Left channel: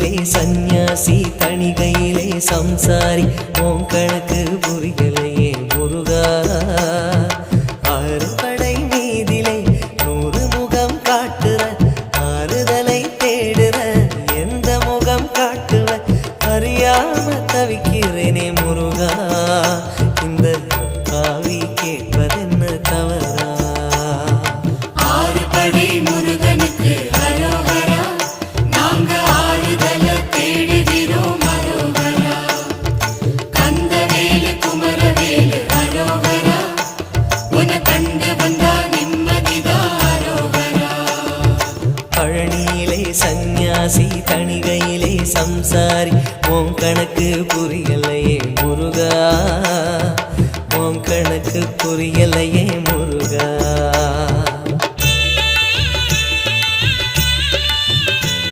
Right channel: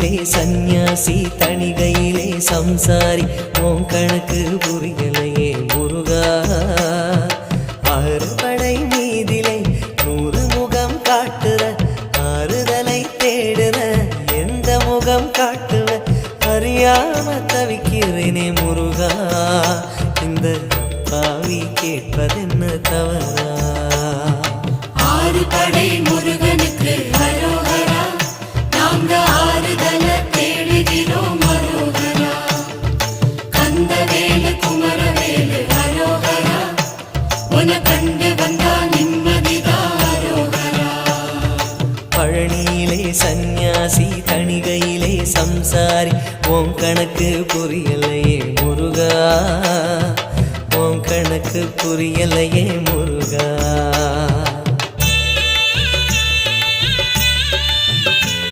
பழனியிலே சந்நியாசி தணிகையிலே சம்சாரி உன் கணக்கு புரியலையே முருகா ஆறு படை மீதிலே 100 முகம் காட்டுற ஆறுதலை தேடுற எந்த முகம் காட்டுவ அறியாம தவிக்கிறேனே முருகா இந்த பாவி கேட்பதென்ன தவறா ஆறு படை முருகனுக்கு அரோகரா நாங்க ஆறுதல தேடுகிறோம் அரோகரா கந்தவேலு குமரவேலு அரோகரா உன கண்டு வந்தா நிம்மதிதான் அரோகரா பழனியிலே சந்நியாசி தணிகையிலே சம்சாரி உன் கணக்கு புரியலையே முருகா உன் கணக்கு புரியலையே முருகா